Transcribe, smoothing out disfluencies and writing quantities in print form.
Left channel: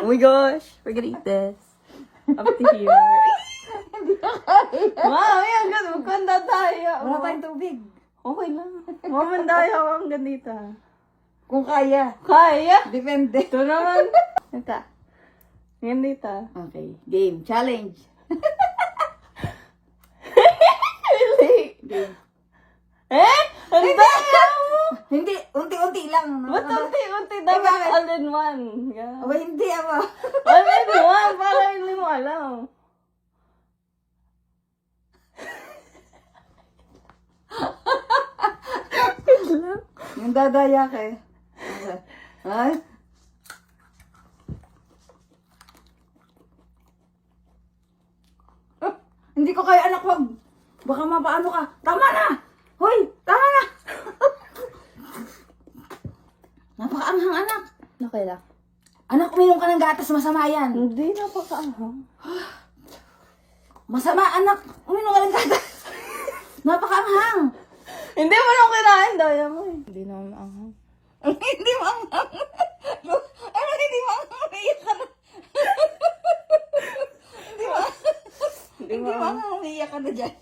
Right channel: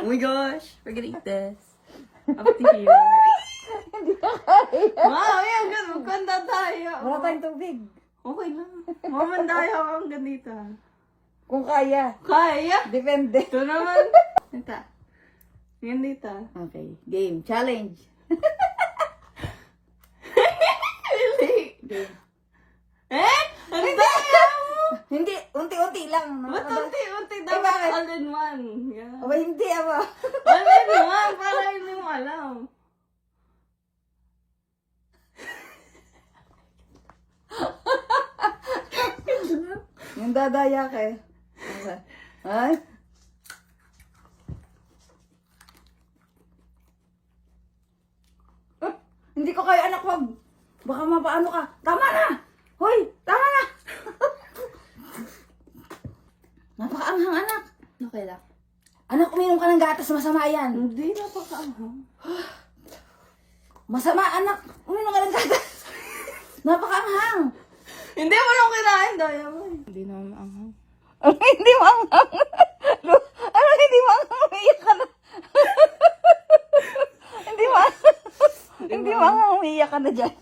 Oh my gosh, we're gonna eat this. Up to here. Hindi ko kaya. Wow, yan, ganun. Kanda tayo. Wala tayong tubig. Okay lang. Mamandaya ako ang ganito. Kung kaya. Kaya. Depende. Ito naman. Ito. Ganito. Okay, game. Challenge. Game. Eh? Hindi mo! Hindi, unti-unti lang. Ba't unti-unti dapat all in one? Yeah. Aba, hindi ako. All in one, para hindi mo alam. Yung dadaya ka eh. Ay? Ah, hindi ko kaya anak, wag. Baka mapaano ka. Tama na! Hoy! Tama na! Napakaanghang anak. Okay lang. Anak, uminom ka ng gatas, masama yan. Hindi na pakaanghang. Masama, anak. Uminom ka ng gatas. Napakaanghang. Hindi mo nang kinain, daya mo eh. Hindi na maanghang. Hindi mo anghang. Ano, hindi mo anghang. Umiyak ka na. Hindi mo anghang. Umiyak ka na dyan.